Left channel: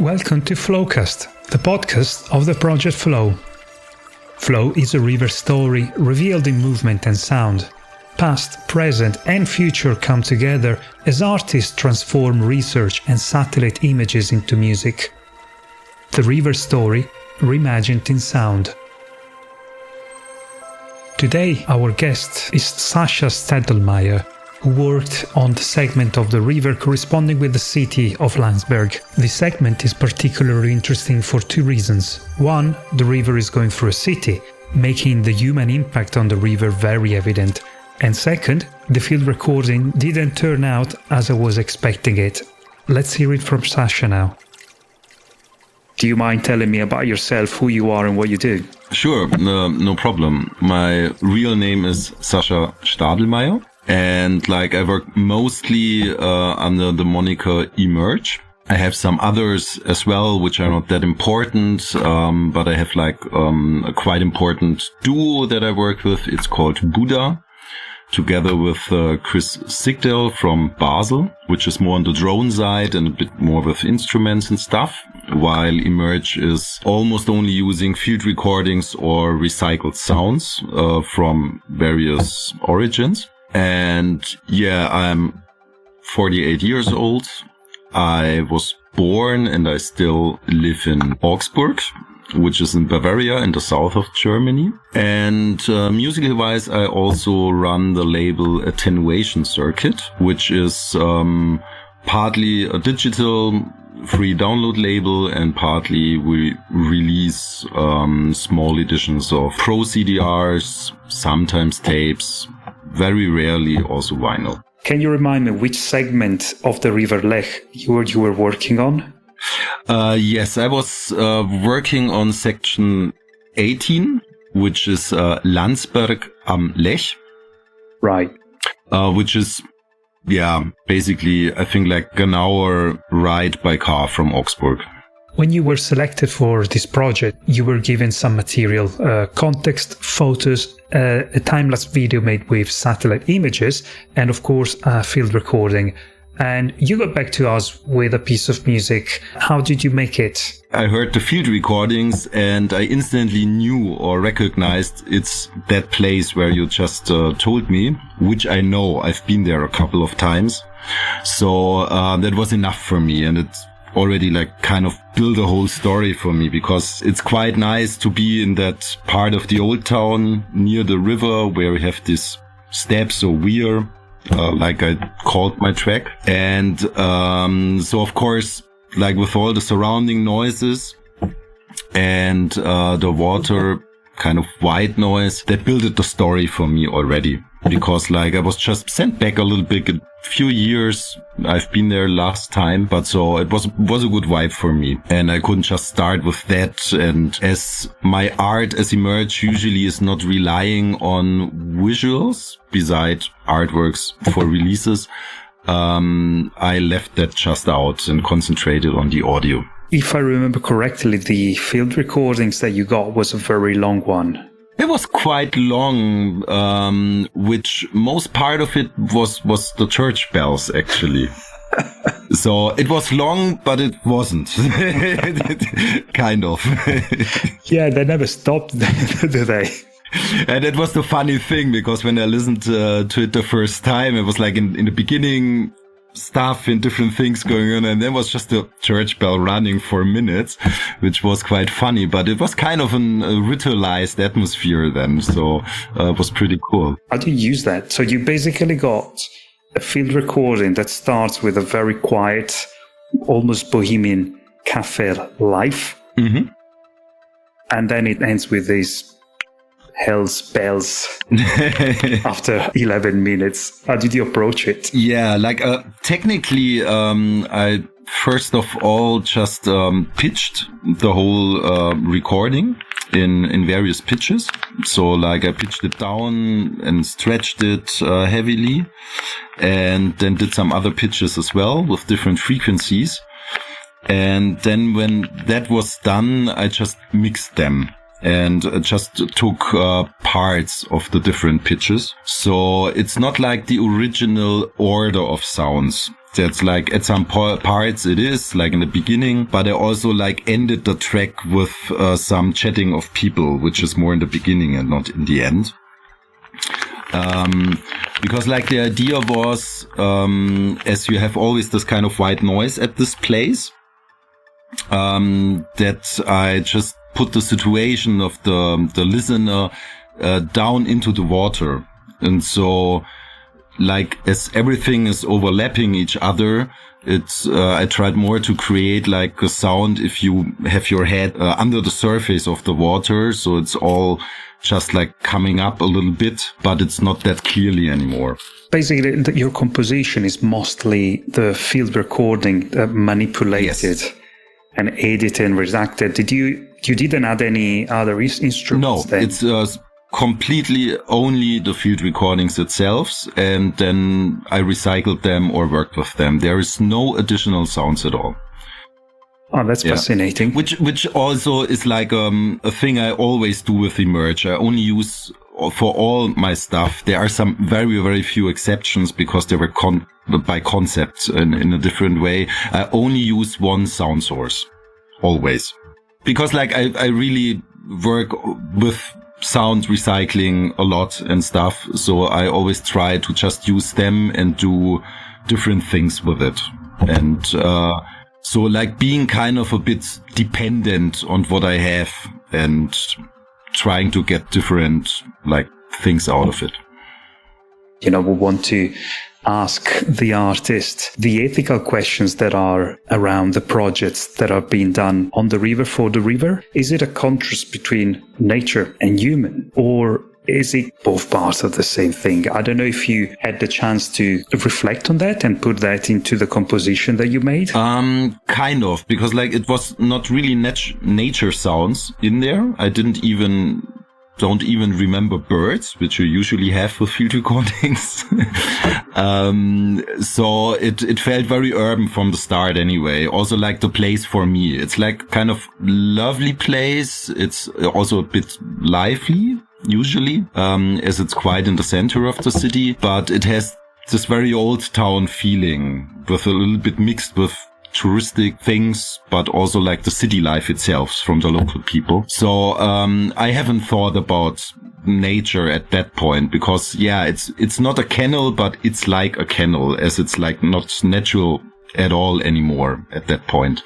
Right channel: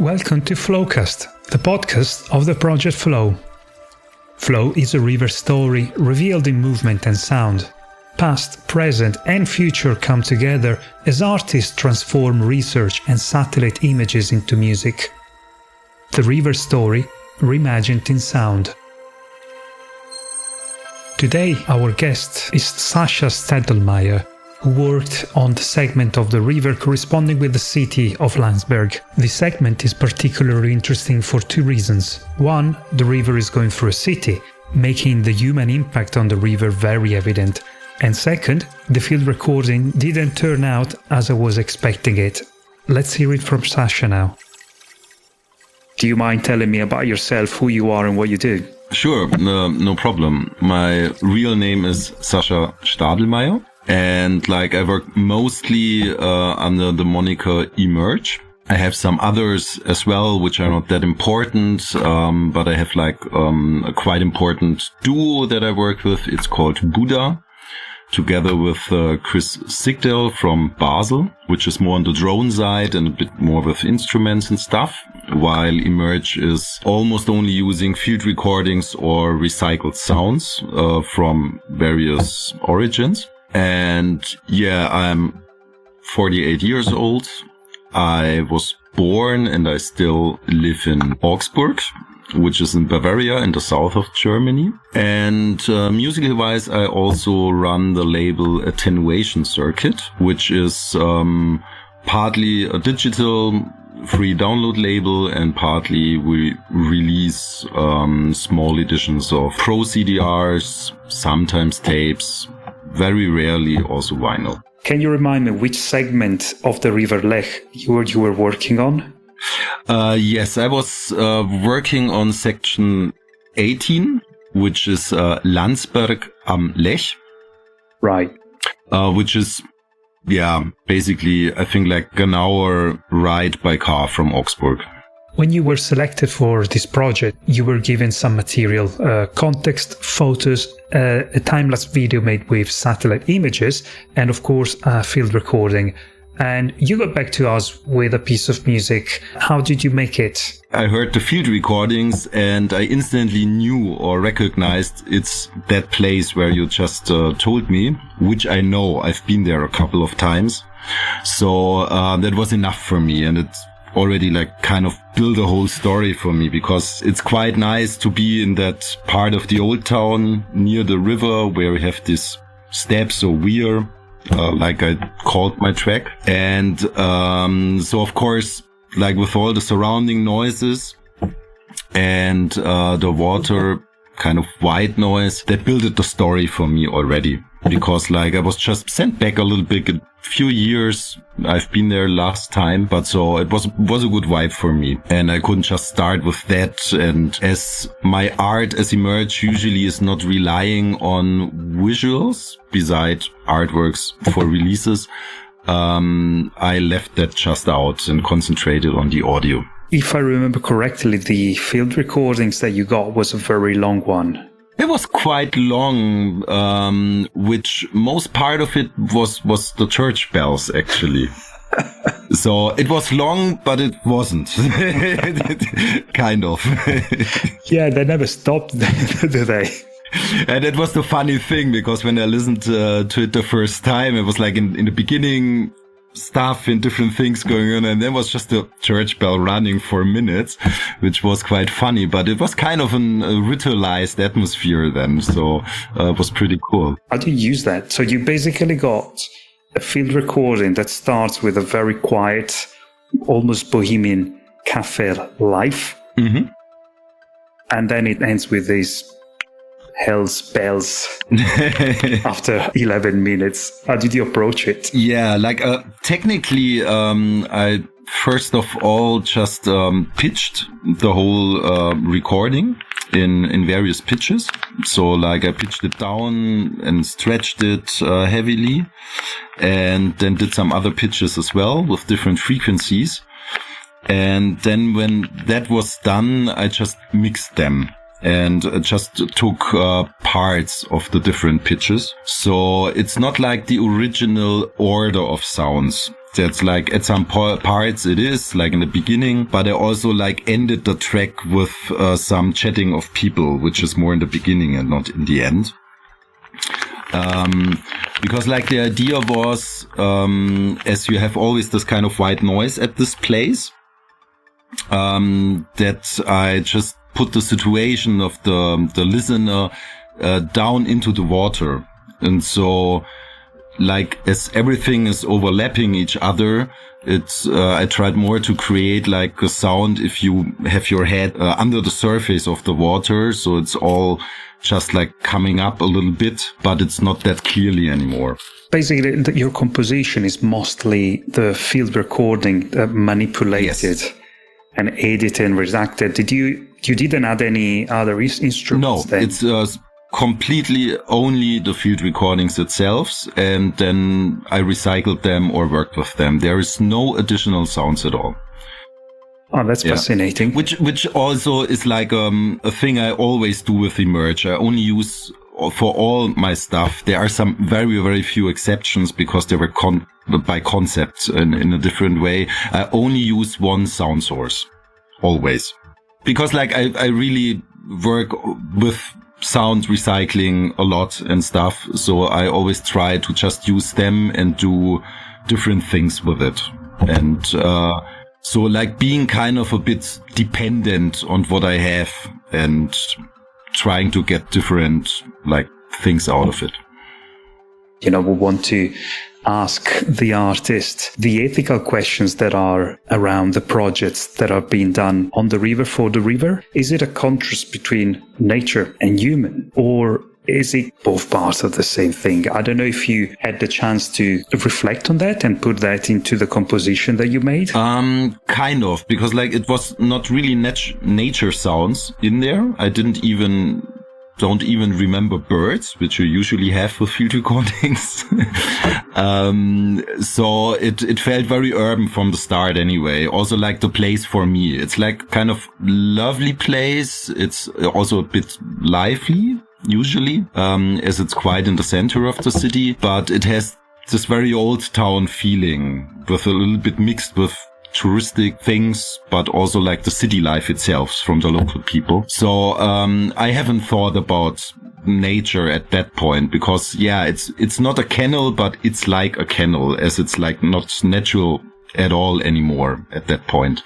Welcome to Flowcast, the podcast of the project Flow. Flow is a river story revealed in movement and sound. Past, present and future come together as artists transform research and satellite images into music. The river story reimagined in sound. Today our guest is Sascha Stadlmeier, who worked on the segment of the river corresponding with the city of Landsberg. This segment is particularly interesting for two reasons. One, the river is going through a city, making the human impact on the river very evident. And second, the field recording didn't turn out as I was expecting it. Let's hear it from Sascha now. Do you mind telling me about yourself, who you are and what you do? Sure, no problem. My real name is Sascha Stadlmeier, and I work mostly under the moniker Emerge. I have some others as well, which are not that important, but I have a quite important duo that I work with. It's called Buddha, together with Chris Sigdal from Basel, which is more on the drone side and a bit more with instruments and stuff, while Emerge is almost only using field recordings or recycled sounds from various origins. And yeah, I'm 48 years old. I was born and I still live in Augsburg, which is in Bavaria in the south of Germany. And musically wise, I also run the label Attenuation Circuit, which is partly a digital free download label and partly we release small editions of pro CDRs, sometimes tapes, very rarely also vinyl. Can you remind me which segment of the River Lech you were working on? Yes, I was working on section 18, which is Landsberg am Lech. Right. Which is, basically, I think an hour ride by car from Augsburg. When you were selected for this project, you were given some material, context, photos, a time-lapse video made with satellite images, and of course, a field recording. And you got back to us with a piece of music. How did you make it? I heard the field recordings and I instantly knew or recognized it's that place where you just told me, which I know. I've been there a couple of times. So that was enough for me, and it's already kind of build a whole story for me, because it's quite nice to be in that part of the old town near the river where we have these steps or weir, like I called my track. And so of course, with all the surrounding noises and the water kind of white noise, that built the story for me already. Because I was just sent back a little bit, a few years. I've been there last time, but so it was a good vibe for me. And I couldn't just start with that. And as my art as Emerge usually is not relying on visuals beside artworks for releases, I left that just out and concentrated on the audio. If I remember correctly, the field recordings that you got was a very long one. It was quite long, which most part of it was the church bells, actually. So it was long, but it wasn't. Kind of. Yeah, they never stopped, did they? And it was the funny thing, because when I listened to it the first time, it was in the beginning, stuff and different things going on, and then was just a church bell running for minutes, which was quite funny, but it was kind of a ritualized atmosphere then, so it was pretty cool. How do you use that? So you basically got a field recording that starts with a very quiet, almost bohemian café life, and then it ends with these hell's bells after 11 minutes. How did you approach it? Yeah, technically, I first of all just pitched the whole recording in various pitches. So I pitched it down and stretched it heavily, and then did some other pitches as well with different frequencies. And then when that was done, I just mixed them and just took parts of the different pitches. So it's not like the original order of sounds. That's like at some parts it is like in the beginning, but I also like ended the track with some chatting of people, which is more in the beginning and not in the end. Because like the idea was, as you have always this kind of white noise at this place, that I just put the situation of the listener down into the water. And so like as everything is overlapping each other, I tried more to create like a sound if you have your head under the surface of the water. So it's all just like coming up a little bit, but it's not that clearly anymore. Basically, your composition is mostly the field recording manipulated and edited and redacted. You didn't add any other instruments? No, it's completely only the field recordings itself, and then I recycled them or worked with them. There is no additional sounds at all. Oh, that's fascinating. Which also is like a thing I always do with Emerge. I only use for all my stuff. There are some very, very few exceptions because they were by concept in a different way. I only use one sound source always because like I really work with sound recycling a lot and stuff. So I always try to just use them and do different things with it. And, so like being kind of a bit dependent on what I have and trying to get different like things out of it. We want to ask the artist the ethical questions that are around the projects that are being done on the river for the river. Is it a contrast between nature and human, or is it both parts of the same thing? I don't know if you had the chance to reflect on that and put that into the composition that you made. Kind of, because like it was not really nature sounds in there. I don't even remember birds, which you usually have with field recordings. So it felt very urban from the start anyway. Also like the place for me, it's like kind of lovely place. It's also a bit lively. Usually, as it's quite in the center of the city, but it has this very old town feeling with a little bit mixed with touristic things, but also like the city life itself from the local people. So, I haven't thought about nature at that point because it's not a canal, but it's like a canal as it's like not natural at all anymore at that point.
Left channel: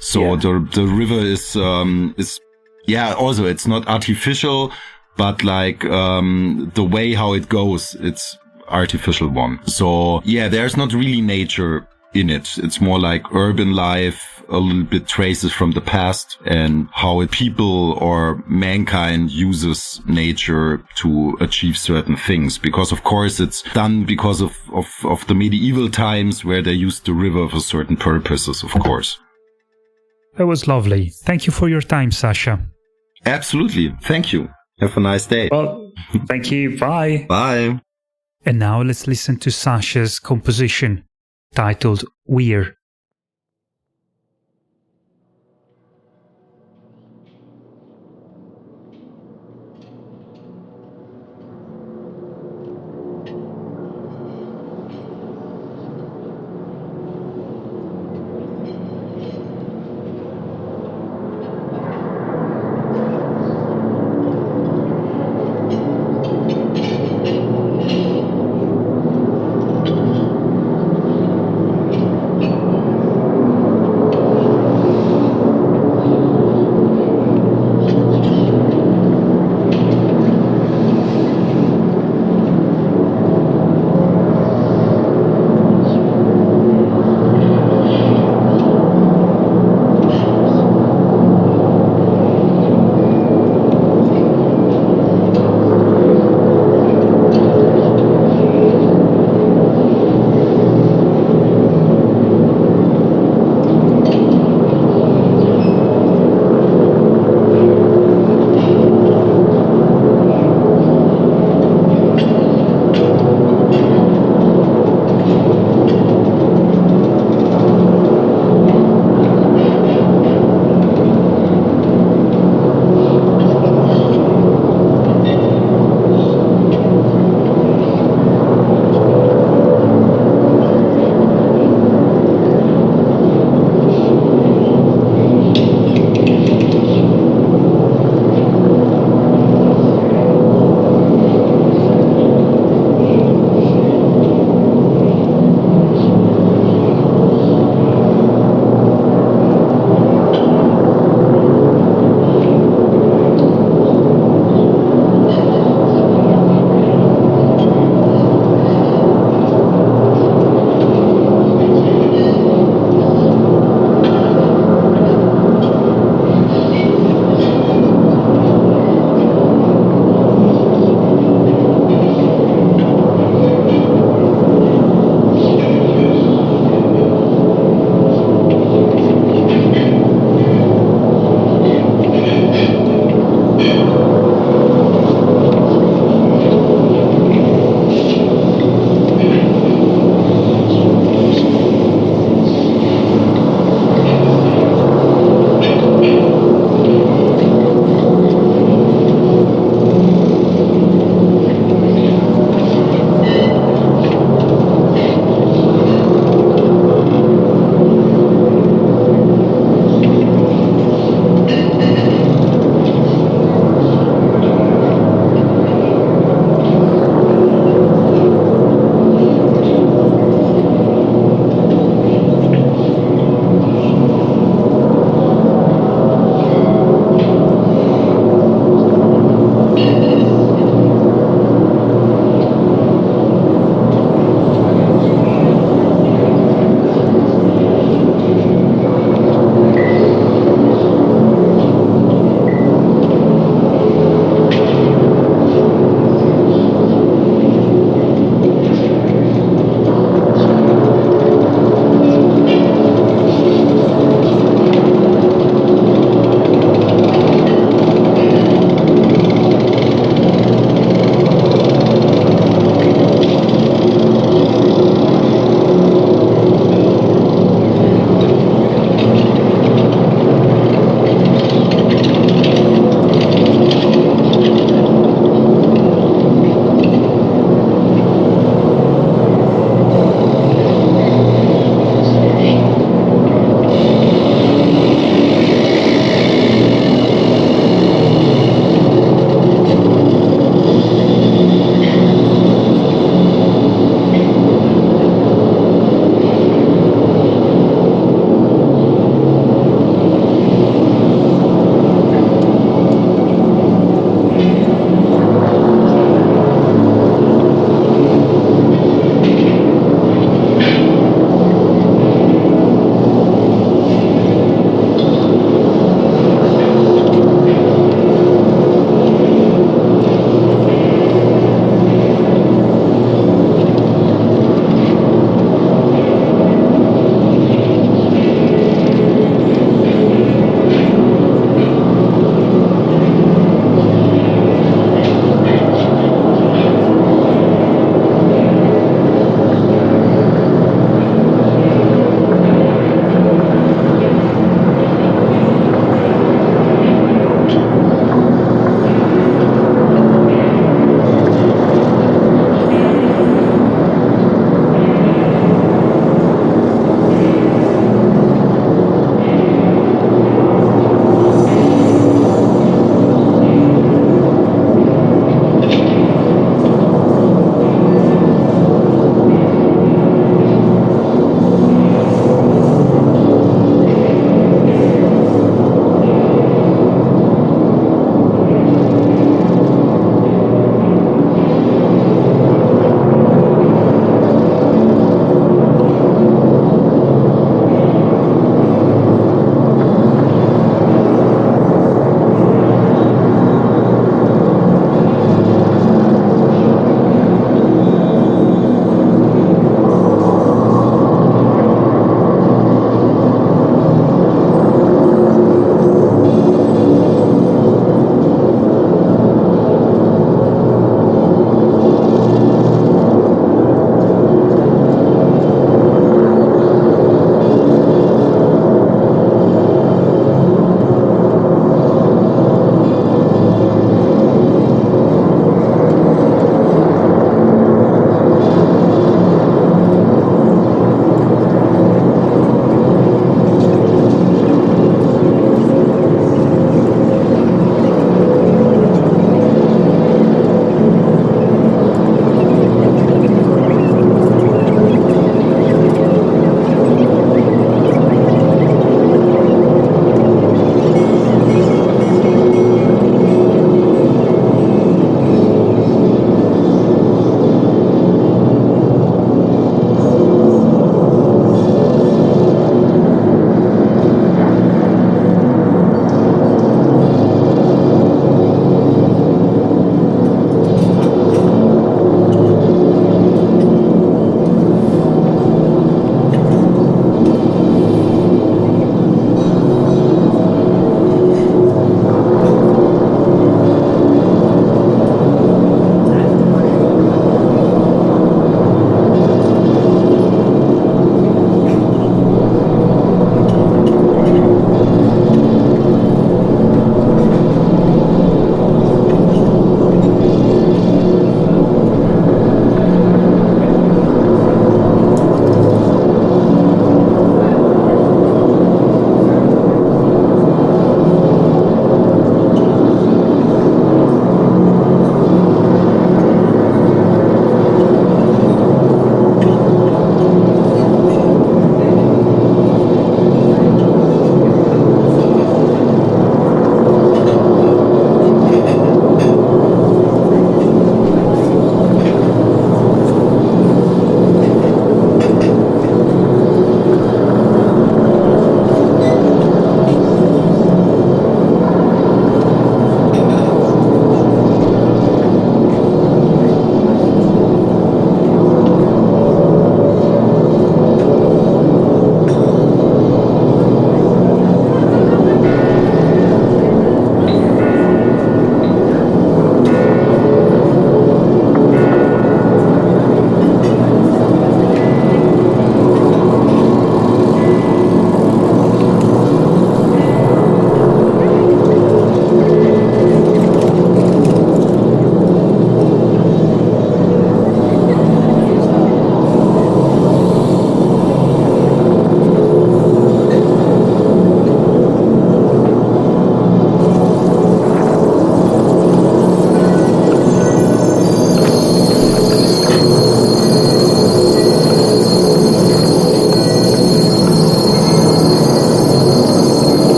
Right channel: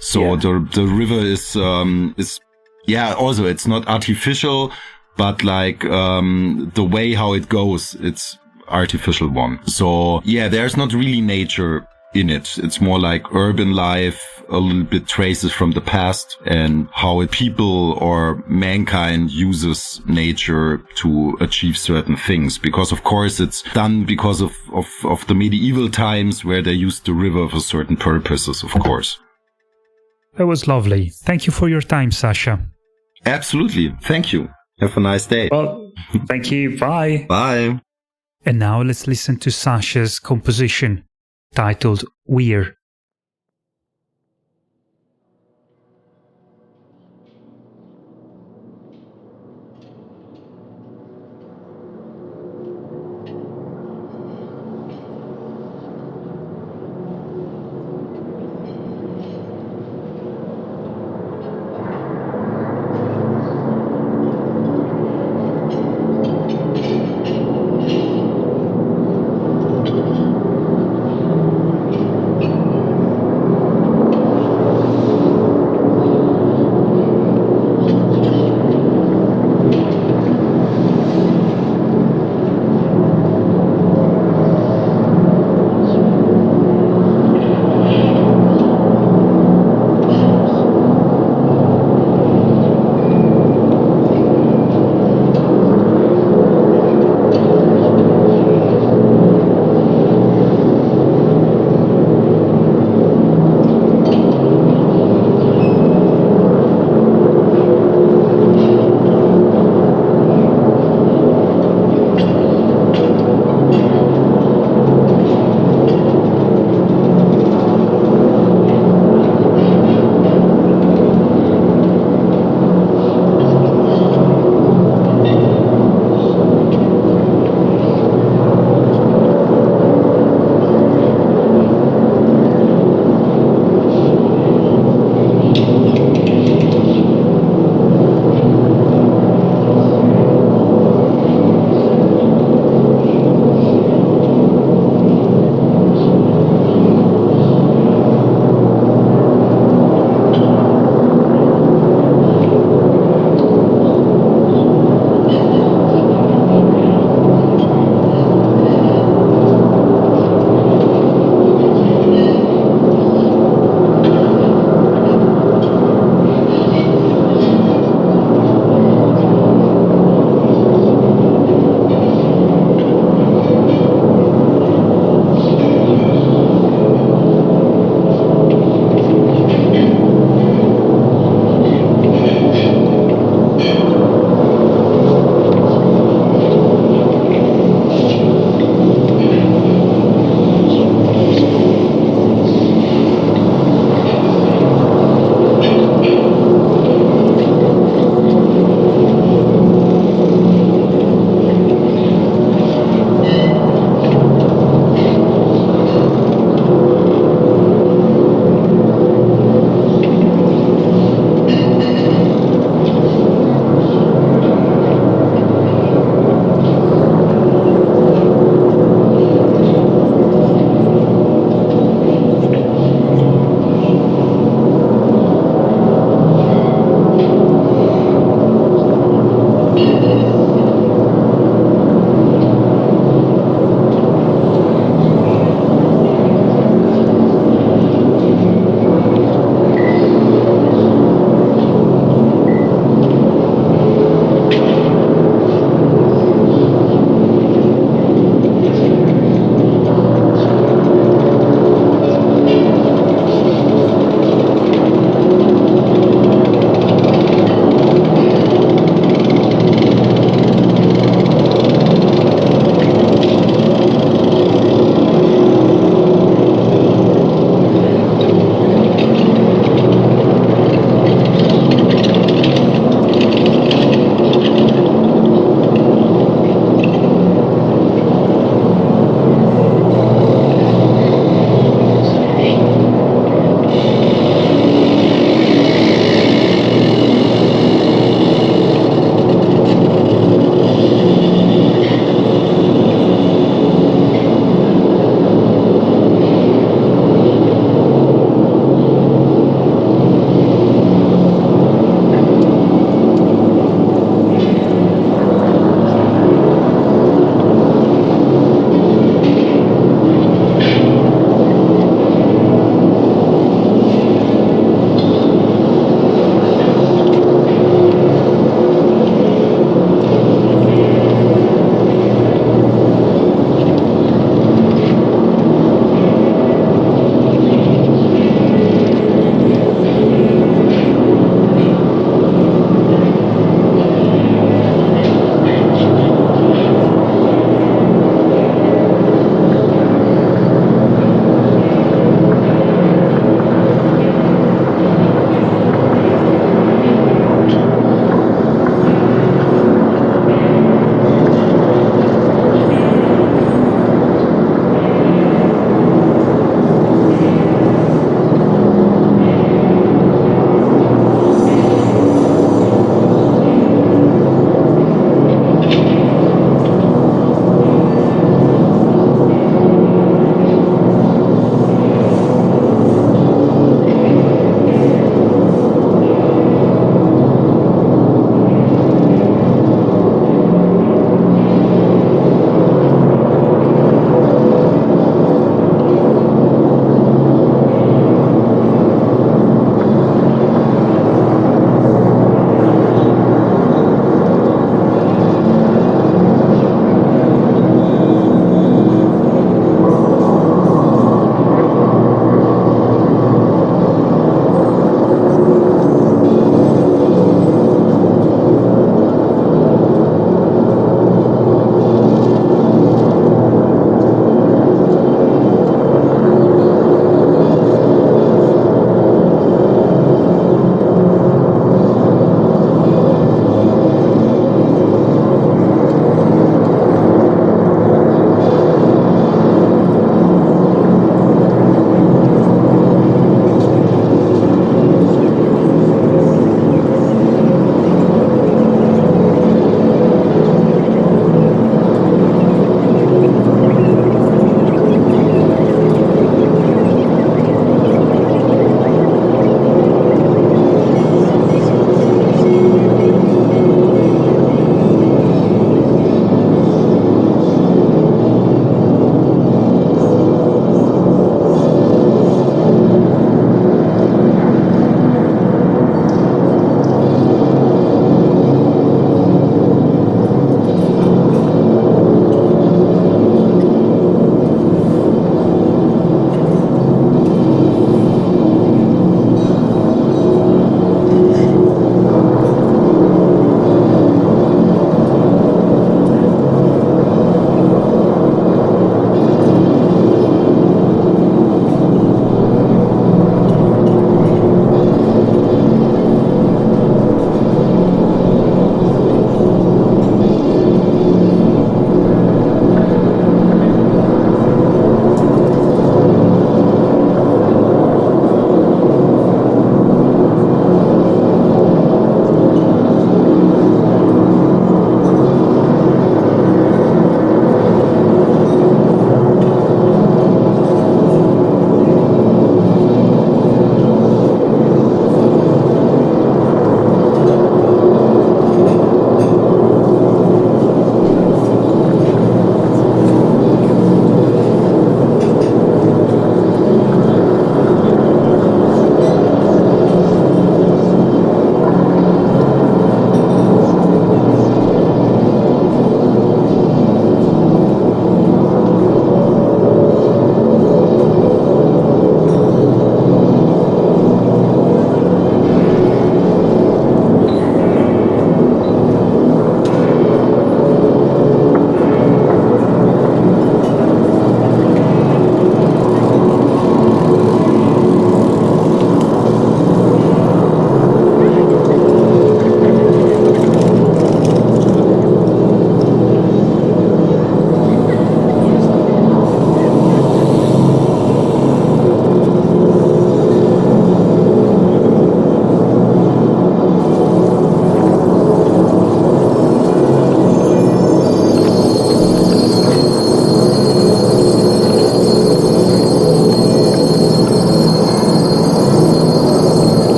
So the river is also it's not artificial, but like, the way how it goes, it's artificial one. So there's not really nature in it. It's more like urban life, a little bit traces from the past and how people or mankind uses nature to achieve certain things. Because of course it's done because of the medieval times where they used the river for certain purposes, of course. That was lovely. Thank you for your time, Sascha. Absolutely. Thank you. Have a nice day. Well, thank you. Bye. Bye. And now let's listen to Sascha's composition titled Weir.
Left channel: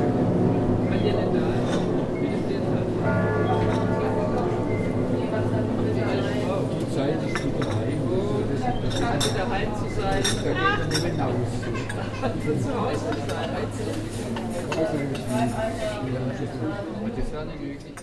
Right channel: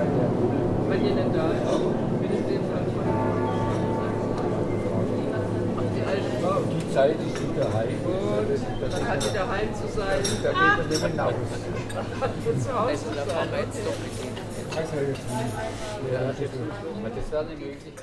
Wenn ihr denn da ist. Die Zeit ist wieder heim. Scheint wieder heim zu sein. Da geht er nicht hinaus. Also zu Hause sein. Das ist nicht. Ja, das ist nicht. Das wäre nicht möglich.